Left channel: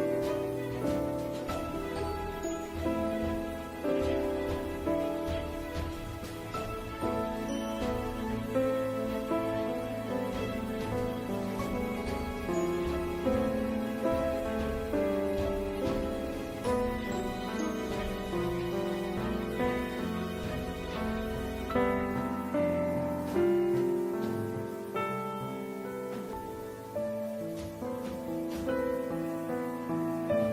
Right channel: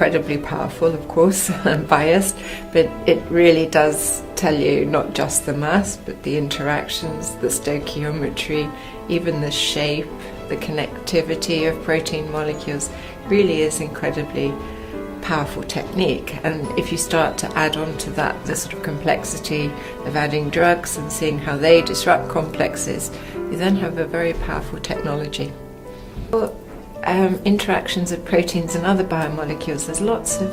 incredibly powerful, of course. I'm biased, but it really does tell you not just the mass, but the interactions, the stoichiometry, even the shape, the connectivity of protein molecules. Really is incredibly powerful technique. And if you start to add on to that the sort of complexity of adding drugs and seeing how they disrupt complexes, you then have a very powerful technology. Interactions of proteins and other biomolecules, there's lots of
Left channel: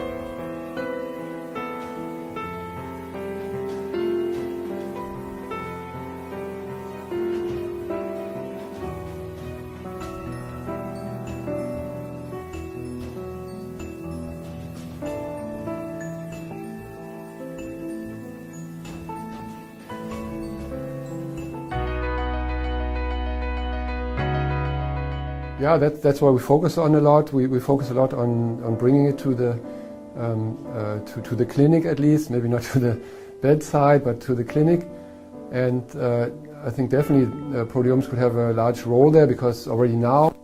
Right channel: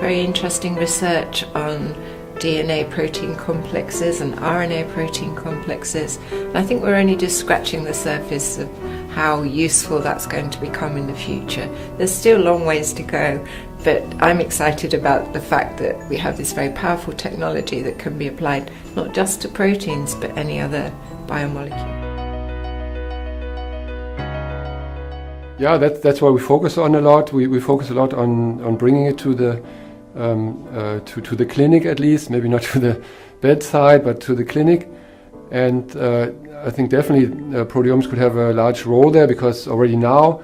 very interesting research on DNA protein complexes and RNA protein complexes. And I think we're only just scratching the surface of how useful that's going to become in the future. There's still a long ways to go, but I'm excited about the fact that we have this very powerful technology that can be applied not just to proteins but any other biomolecule. Yeah, that's why we focus on a lot. We focus a lot on bringing it to the clinic, at least, maybe not to the bedside, but to the clinic. And I think definitely proteomics could have a large role there, because already now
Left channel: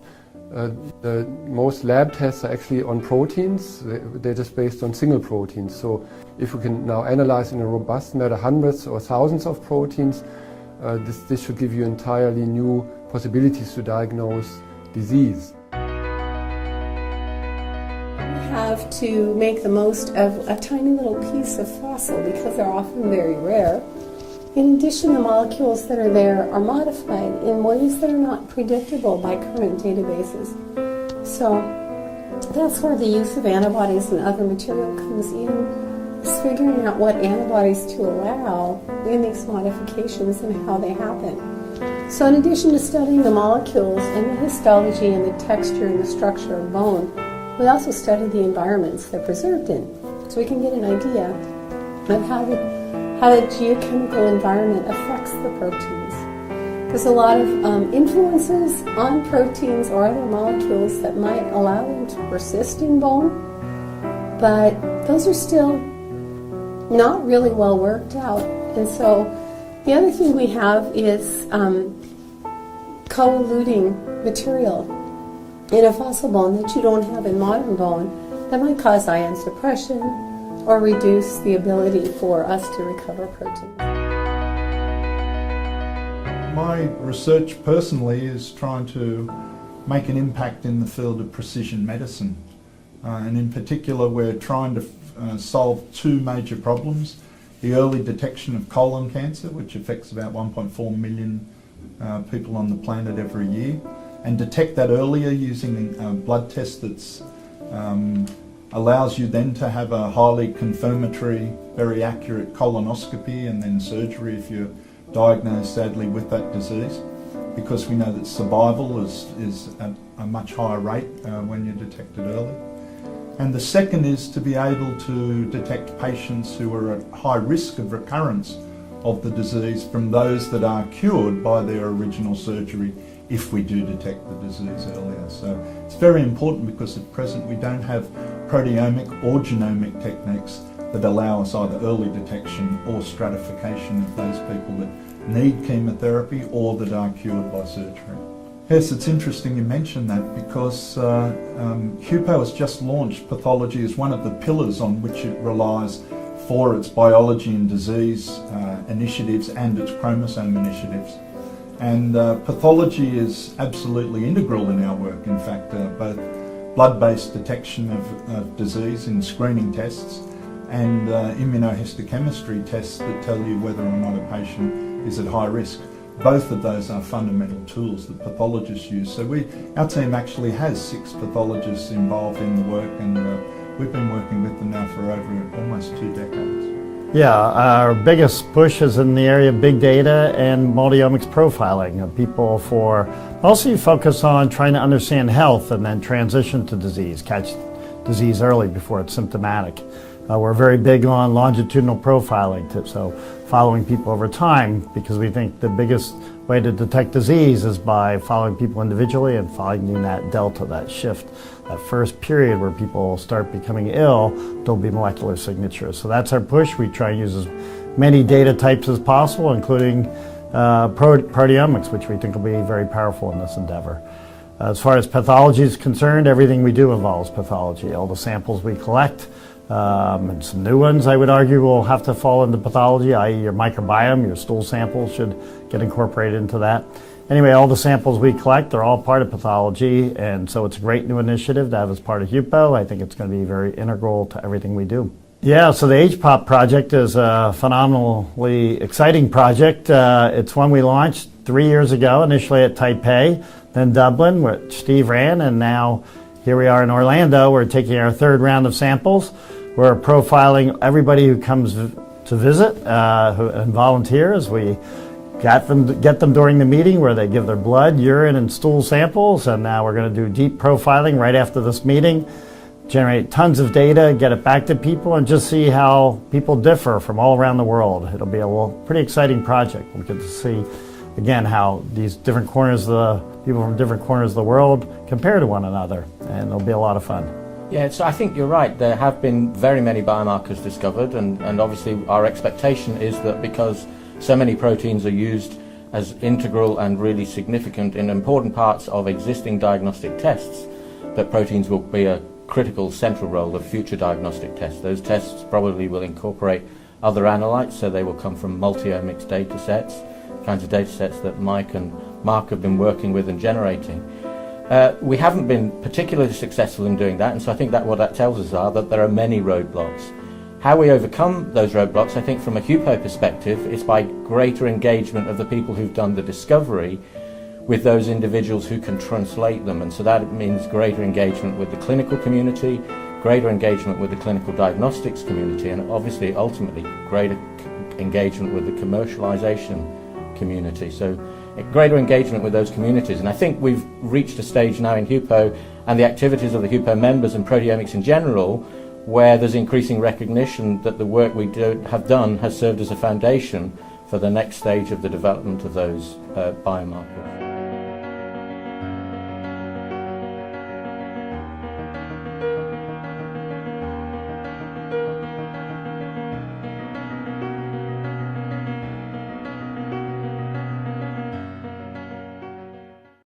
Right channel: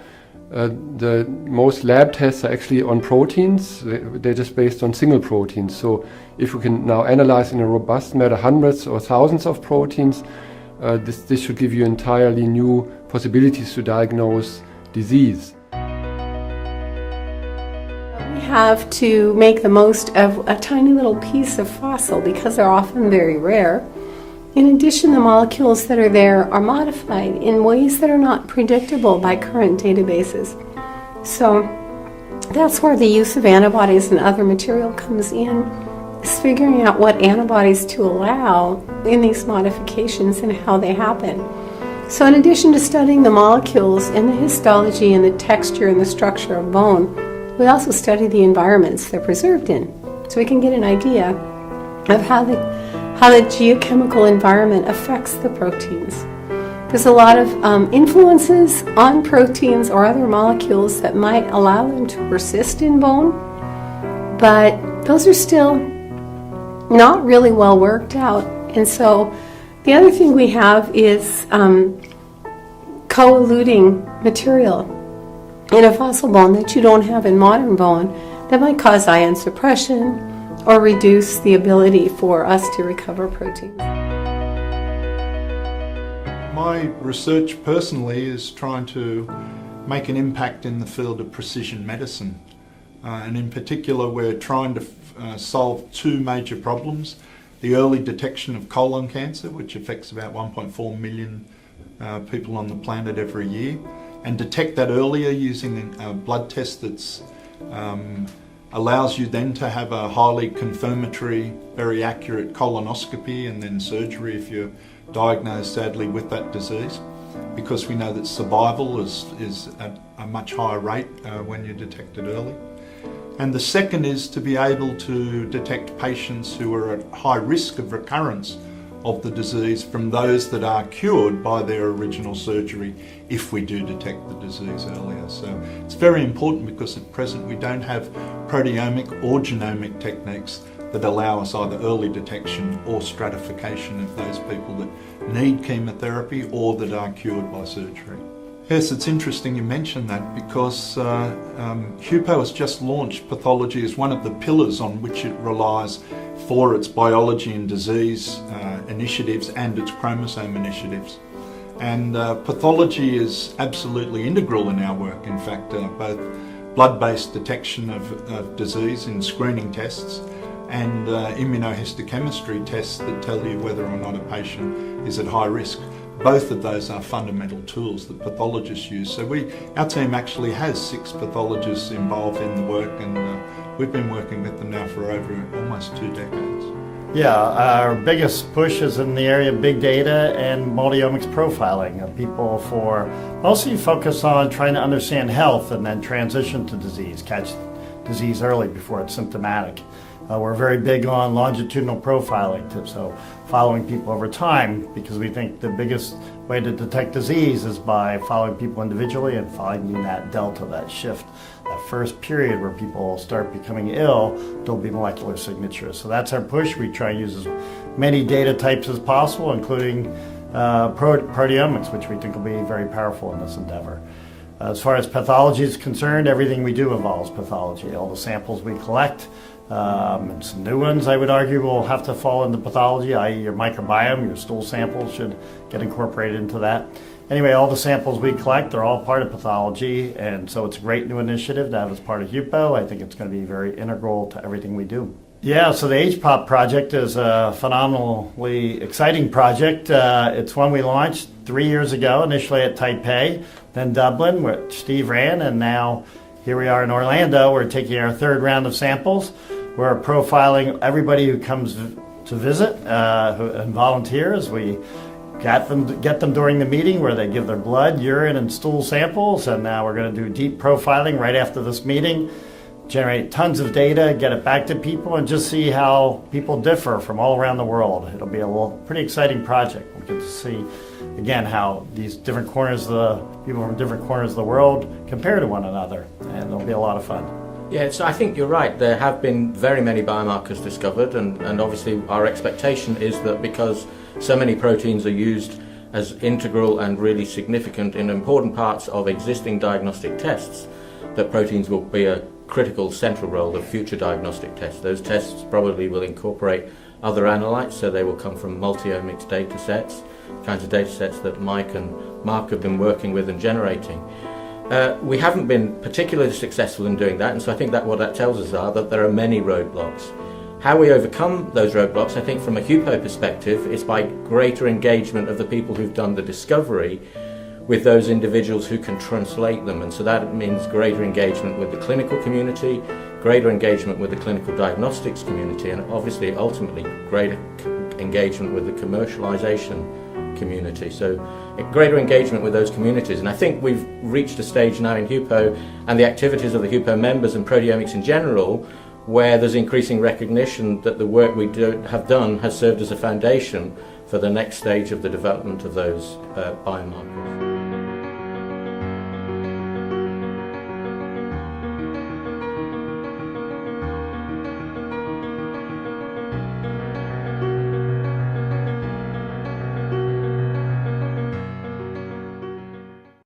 the most lab tests are actually on proteins. They're just based on single proteins. So if we can now analyze in a robust manner hundreds or thousands of proteins, this should give you entirely new possibilities to diagnose disease. Have to make the most of a tiny little piece of fossil because they're often very rare. In addition, the molecules that are there are modified in ways that are not predictable by current databases. So that's where the use of antibodies and other material comes in, is figuring out what antibodies to allow in these modifications and how they happen. So in addition to studying the molecules and the histology and the texture and the structure of bone, we also study the environments they're preserved in, so we can get an idea of how the geochemical environment affects the proteins. There's a lot of influences on proteins or other molecules that might allow them to persist in bone, but those are still not really well worked out. And so the other thing we have is co-eluting material in a fossil bone that you don't have in modern bone that might cause ion suppression or reduce the ability for us to recover protein. My research personally is trying to make an impact in the field of precision medicine. And in particular, we're trying to solve two major problems. The early detection of colon cancer, which affects about 1.4 million people on the planet every year, and detect that earlier using a blood test that allows you then to have a highly confirmatory, very accurate colonoscopy and then surgery if you're diagnosed sadly with that disease, because we know that survival is at a much higher rate when you detect it early. And the second is to be able to detect patients who are at high risk of recurrence of the disease from those that are cured by their original surgery if we do detect the disease earlier. So it's very important because at present we don't have proteomic or genomic techniques that allow us either early detection or stratification of those people that need chemotherapy or that are cured by surgery. Yes, it's interesting you mention that because HUPO has just launched pathology as one of the pillars on which it relies for its biology and disease initiatives and its chromosome initiatives. And pathology is absolutely integral in our work. In fact, both blood-based detection of disease in screening tests and immunohistochemistry tests that tell you whether or not a patient is at high risk. Both of those are fundamental tools that pathologists use. So our team actually has 6 pathologists involved in the work, and we've been working with them now for over almost 2 decades. Yeah, our biggest push is in the area of big data and multi-omics profiling of people for mostly focus on trying to understand health and then transition to disease, catch disease early before it's symptomatic. We're very big on longitudinal profiling, so following people over time, because we think the biggest way to detect disease is by following people individually and finding that delta, that shift. That first period where people start becoming ill, there'll be molecular signatures. So that's our push. We try to use as many data types as possible, including proteomics, which we think will be very powerful in this endeavor. As far as pathology is concerned, everything we do involves pathology. All the samples we collect, and some new ones I would argue will have to fall into pathology, i.e. your microbiome, your stool samples should get incorporated into that. Anyway, all the samples we collect, they're all part of pathology, and so it's a great new initiative to have as part of HUPO. I think it's going to be very integral to everything we do. Yeah, so the HPOP project is a phenomenally exciting project. It's one we launched 3 years ago, initially at Taipei, then Dublin, which Steve ran, and now here we are in Orlando. We're taking our third round of samples. We're profiling everybody who comes to visit and volunteers. We get them during the meeting where they give their blood, urine, and stool samples, and now we're going to do deep profiling right after this meeting, generate tons of data, get it back to people, and just see how people differ from all around the world. It'll be a pretty exciting project. We get to see, again, how these different corners people from different corners of the world compare to one another, and it'll be a lot of fun. Yeah, I think you're right. There have been very many biomarkers discovered, and obviously our expectation is that because so many proteins are used as integral and really significant in important parts of existing diagnostic tests, that proteins will be a critical central role of future diagnostic tests. Those tests probably will incorporate other analytes, so they will come from multi-omics data sets, kinds of data sets that Mike and Mark have been working with and generating. We haven't been particularly successful in doing that, and so I think that what that tells us are that there are many roadblocks. How we overcome those roadblocks, I think from a HUPO perspective, is by greater engagement of the people who've done the discovery with those individuals who can translate them, and so that means greater engagement with the clinical community, greater engagement with the clinical diagnostics community, and obviously ultimately greater engagement with the commercialization community. So greater engagement with those communities, and I think we've reached a stage now in HUPO and the activities of the HUPO members and proteomics in general where there's increasing recognition that the work we have done has served as a foundation for the next stage of the development of those biomarkers.